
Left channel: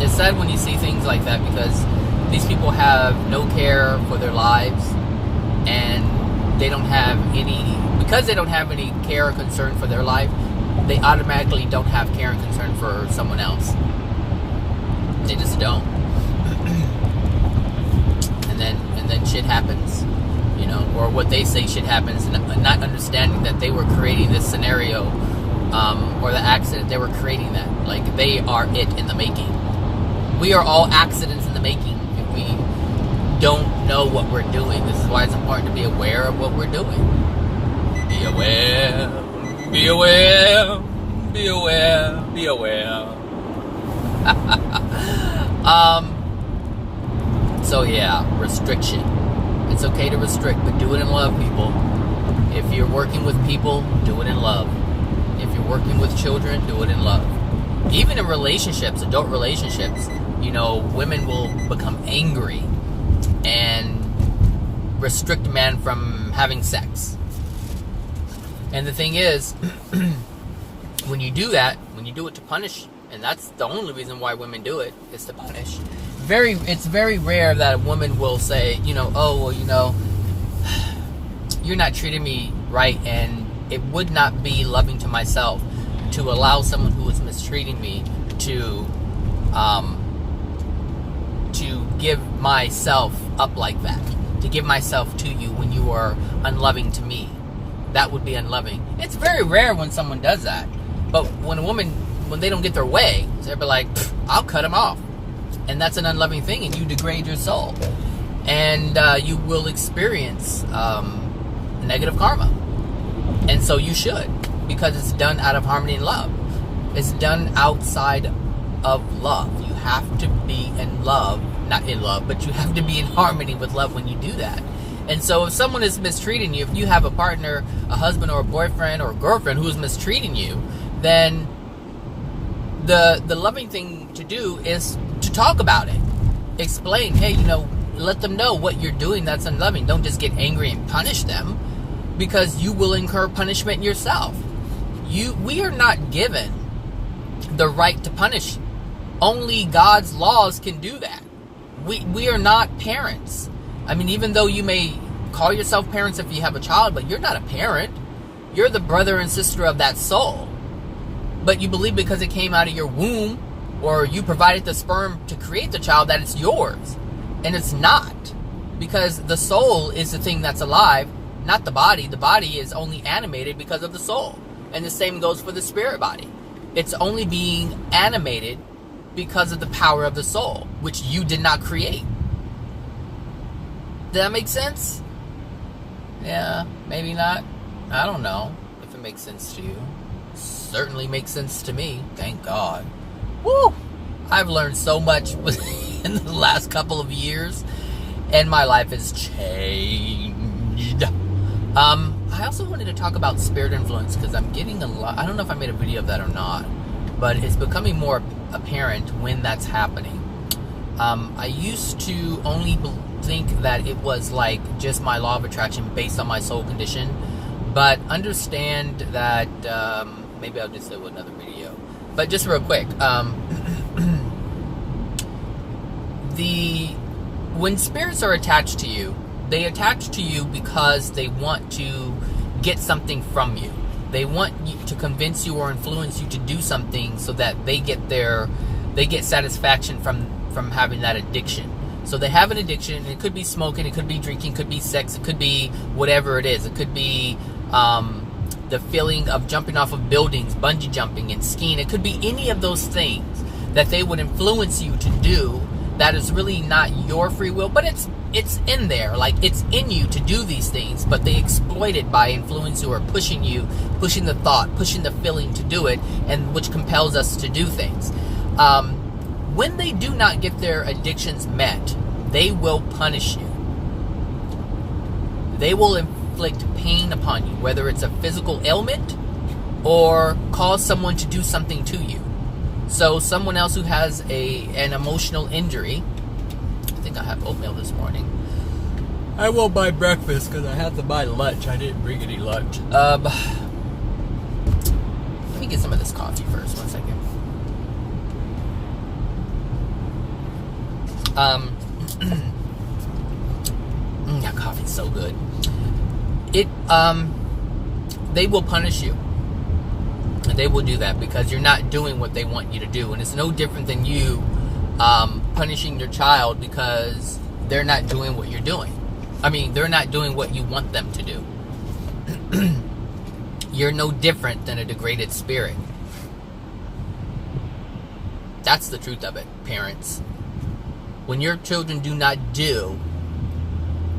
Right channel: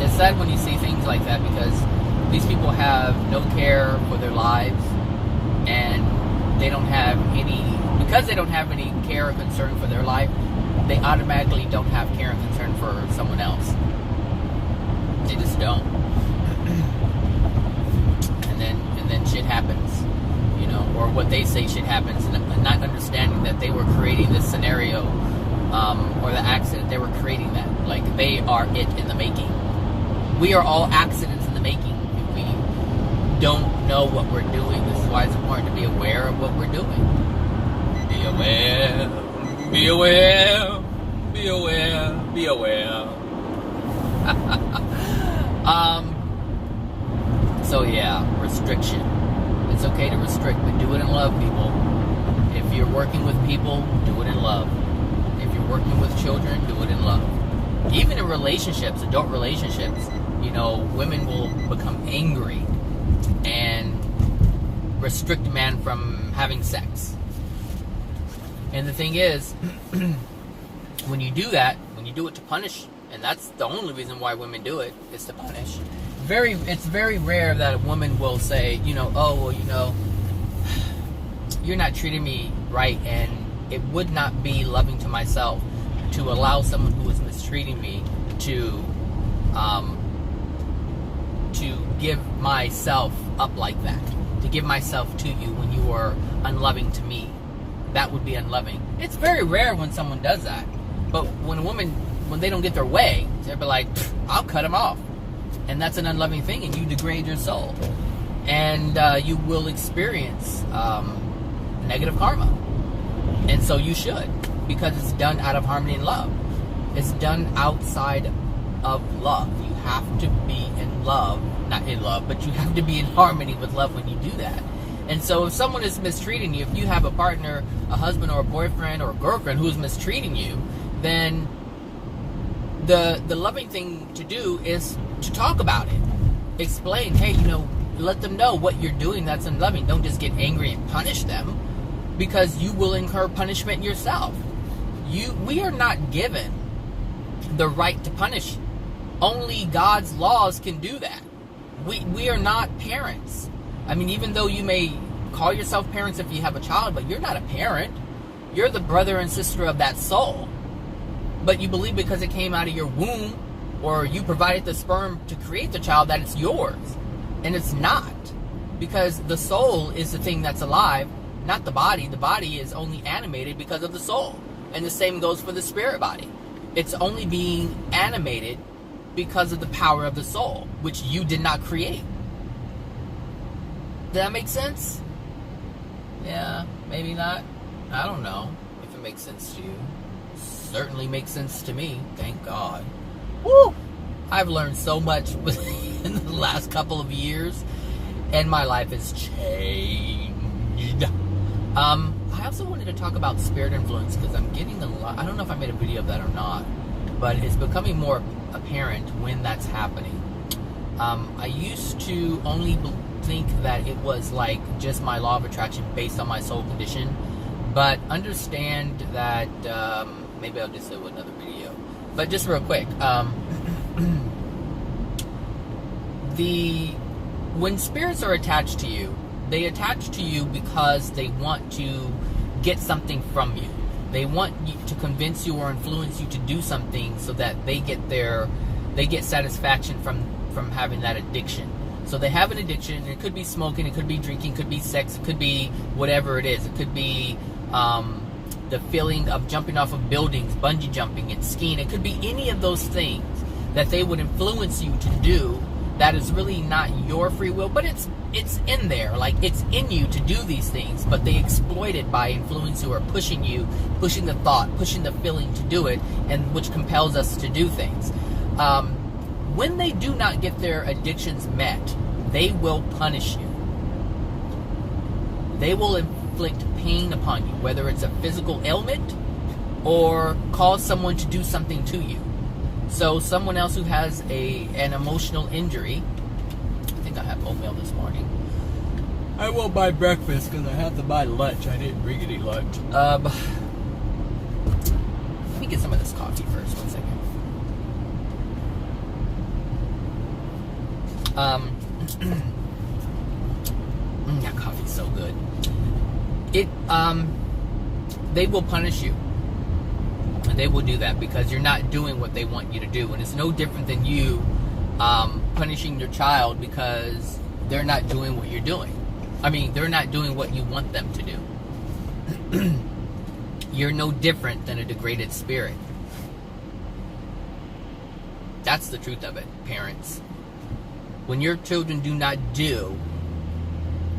It's sad when you see things like that, because these people have no care for their lives, and they don't have any, because they don't have any care or concern for their life, they automatically don't have care and concern for someone else. They just don't. and then shit happens, you know, or what they say shit happens, and not understanding that they were creating this scenario, or the accident, they were creating that. Like, they are it in the making. We are all accidents in the making if we don't know what we're doing. This is why it's important to be aware of what we're doing. Be aware, be aware, be aware, be aware. So yeah, restriction. It's okay to restrict, but do it in love, people. If you're working with people, do it in love. If you're working with children, do it in love. Even in relationships, adult relationships, women will become angry and restrict men from having sex. And the thing is, when you do that, when you do it to punish, and that's the only reason why women do it, is to punish. It's very rare that a woman will say, you're not treating me right, and it would not be loving to myself to allow someone who is mistreating me to give myself up like that, to give myself to you when you are unloving to me. That would be unloving. It's very rare when someone does that, but when they don't get their way, they'll be like, I'll cut them off, and that's an unloving thing, and you degrade your soul, and you will experience negative karma. And so you should, because it's done out of harmony and love. It's done outside of love. You have to be in love, not in love, but you have to be in harmony with love when you do that. And so if someone is mistreating you, if you have a partner, a husband or a boyfriend or a girlfriend who is mistreating you, then the loving thing to do is to talk about it. Explain, hey, let them know what you're doing that's unloving. Don't just get angry and punish them, because you will incur punishment yourself. We are not given the right to punish. Only God's laws can do that. We are not parents. I mean, even though you may call yourself parents if you have a child, but you're not a parent. You're the brother and sister of that soul. But you believe because it came out of your womb, or you provided the sperm to create the child, that it's yours. And it's not. Because the soul is the thing that's alive, not the body. The body is only animated because of the soul. And the same goes for the spirit body. It's only being animated because of the power of the soul, which you did not create. Does that make sense? Yeah, maybe not. I don't know if it makes sense to you. Certainly makes sense to me. Thank God. Woo! I've learned so much in the last couple of years, and my life has changed. I also wanted to talk about spirit influence, because I'm getting a lot. I don't know if I made a video of that or not, but it's becoming more apparent when that's happening. I used to only think that it was like just my law of attraction based on my soul condition, but understand that maybe I'll just do another video. But just real quick, when spirits are attached to you, they attach to you because they want to get something from you. They want you to convince you or influence you to do something so that they get satisfaction from having that addiction. So they have an addiction. It could be smoking, it could be drinking, it could be sex, it could be whatever it is. It could be the feeling of jumping off of buildings, bungee jumping and skiing. It could be any of those things that they would influence you to do that is really not your free will, but it's in there, like it's in you to do these things, but they exploit it by influencing or pushing you, pushing the thought, pushing the feeling to do it, and which compels us to do things. When they do not get their addictions met, they will punish you. They will inflict pain upon you, whether it's a physical ailment or cause someone to do something to you. So someone else who has an emotional injury, I think I had oatmeal this morning. I won't buy breakfast because I had to buy lunch. I didn't bring any lunch. Let me get some of this coffee first. 1 second. That coffee's so good. They will punish you. And they will do that because you're not doing what they want you to do. And it's no different than you punishing your child because they're not doing what you're doing. I mean, they're not doing what you want them to do. You're no different than a degraded spirit. That's the truth of it, parents. When your children do not do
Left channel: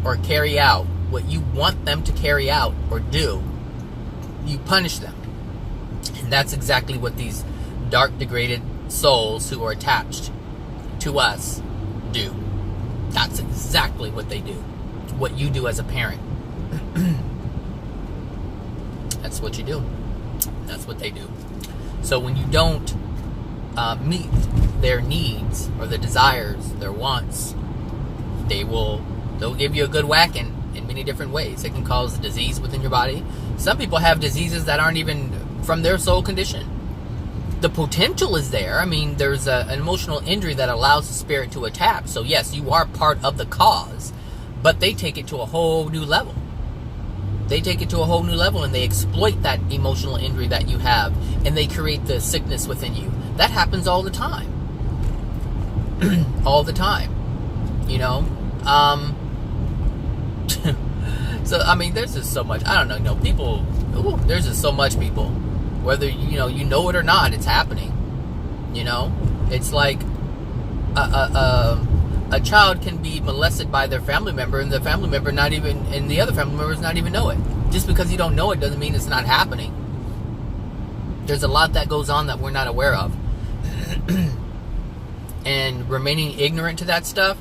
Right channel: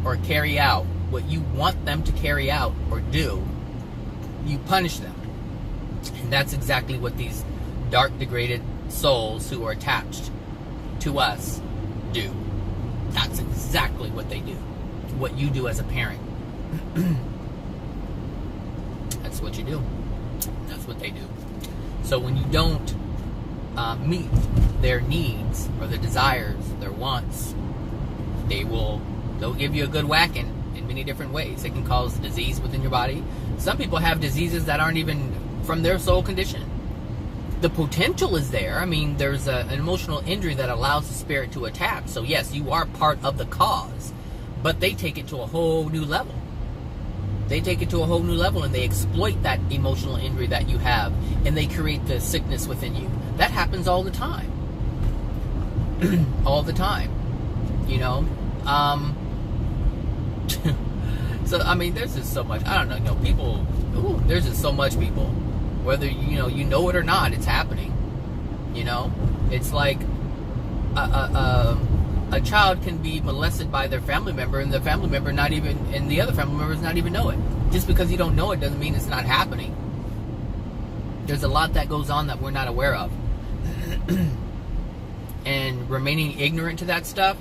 or carry out what you want them to carry out or do, you punish them. And that's exactly what these dark, degraded souls who are attached to us do. That's exactly what they do. What you do as a parent. That's what you do. That's what they do. So when you don't meet their needs or their desires, their wants, they'll give you a good whacking in many different ways. It can cause disease within your body. Some people have diseases that aren't even from their soul condition. The potential is there. I mean, there's an emotional injury that allows the spirit to attack. So yes, you are part of the cause, but they take it to a whole new level. They take it to a whole new level, and they exploit that emotional injury that you have, and they create the sickness within you. That happens all the time. All the time. You know? So, I mean, there's just so much. I don't know, people, there's just so much, people. Whether, you know it or not, it's happening. You know? It's like a child can be molested by their family member, and the family member and the other family members not even know it. Just because you don't know it doesn't mean it's not happening. There's a lot that goes on that we're not aware of. And remaining ignorant to that stuff,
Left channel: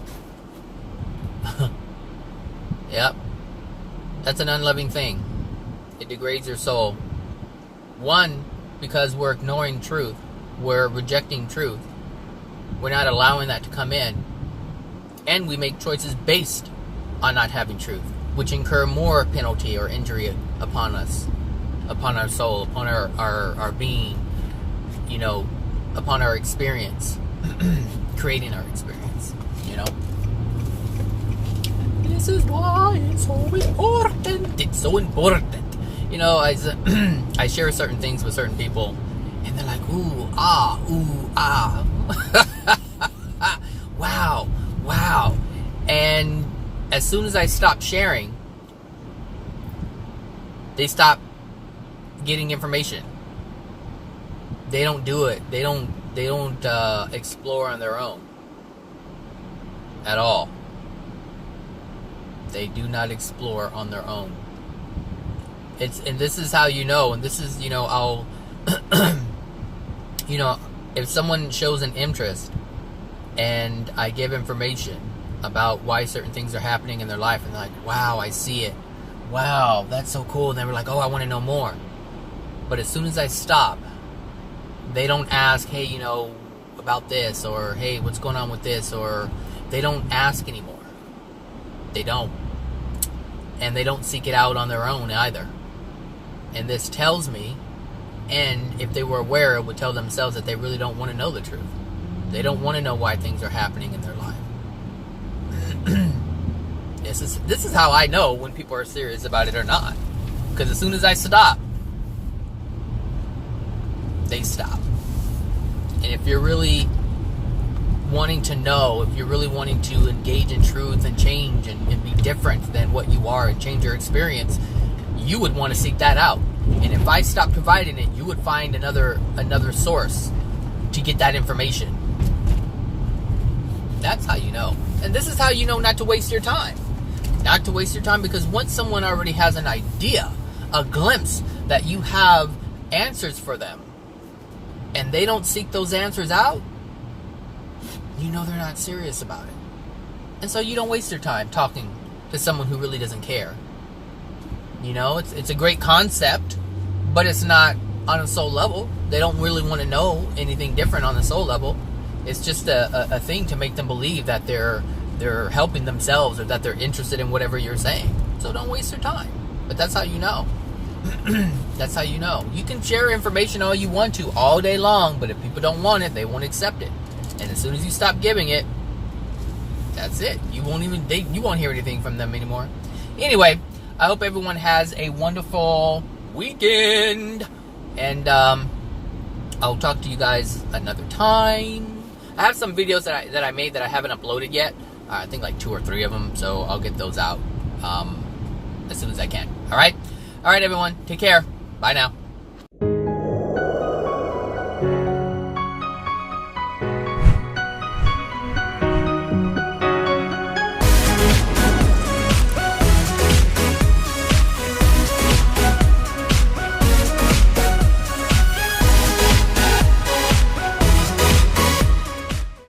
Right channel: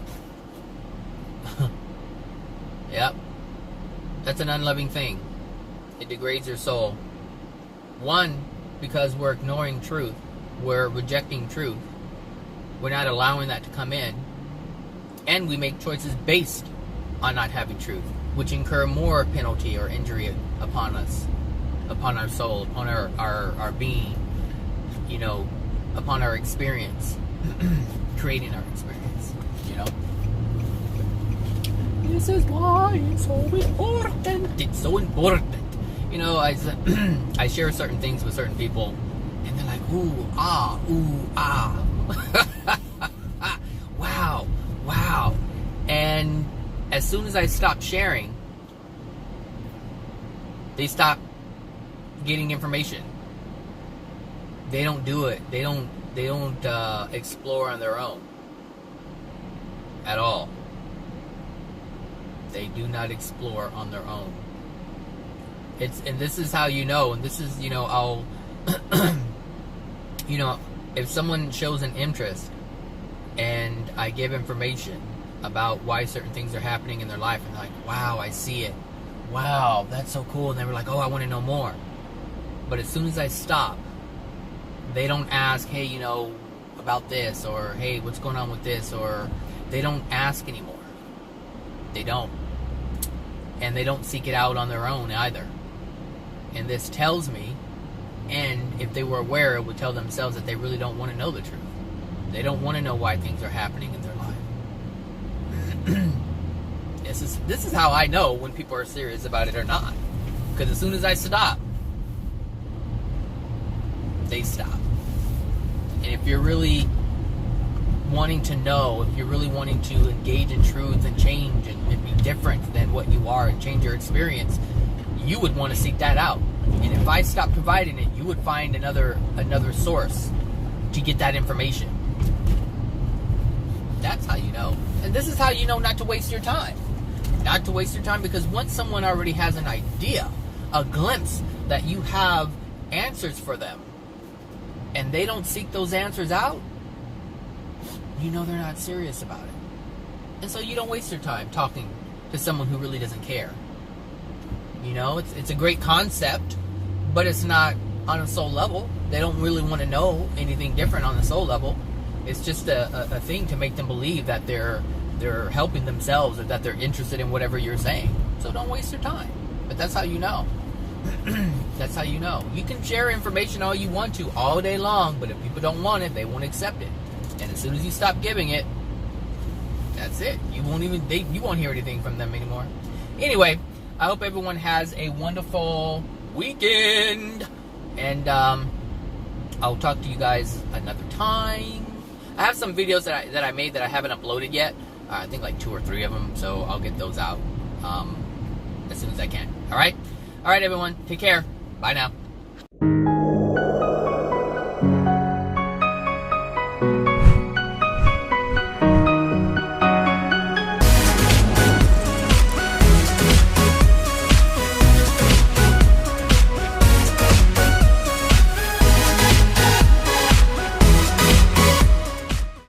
yep, that's an unloving thing. It degrades your soul. One, because we're ignoring truth. We're rejecting truth. We're not allowing that to come in. And we make choices based on not having truth, which incur more penalty or injury upon us, upon our soul, upon our being, upon our experience, creating our experience, This is why it's so important. It's so important. I share certain things with certain people, and they're like, ooh, ah. Wow. And as soon as I stop sharing, they stop getting information. They don't do it. They don't explore on their own at all. They do not explore on their own. And this is how you know, and this is, I'll if someone shows an interest and I give information about why certain things are happening in their life, and they're like, wow, I see it. Wow, that's so cool. And they were like, oh, I want to know more. But as soon as I stop, they don't ask, hey, about this, or hey, what's going on with this, or they don't ask anymore. They don't. And they don't seek it out on their own either. And this tells me, and if they were aware, it would tell themselves that they really don't want to know the truth. They don't want to know why things are happening in their life. This is how I know when people are serious about it or not. Because as soon as I stop, they stop. And if you're really wanting to know, if you're really wanting to engage in truth and change and be different than what you are and change your experience, you would want to seek that out. And if I stop providing it, you would find another source to get that information. That's how you know. And this is how you know not to waste your time. Not to waste your time, because once someone already has an idea, a glimpse that you have answers for them, and they don't seek those answers out, you know they're not serious about it. And so you don't waste your time talking to someone who really doesn't care. It's a great concept, but it's not on a soul level. They don't really want to know anything different on the soul level. It's just a thing to make them believe that they're helping themselves, or that they're interested in whatever you're saying. So don't waste your time. But that's how you know. That's how you know. You can share information all you want to all day long, but if people don't want it, they won't accept it. And as soon as you stop giving it, that's it. You won't hear anything from them anymore. Anyway, I hope everyone has a wonderful weekend. And I'll talk to you guys another time. I have some videos that I made that I haven't uploaded yet. I think like 2 or 3 of them. So I'll get those out as soon as I can. All right, everyone. Take care. Bye now.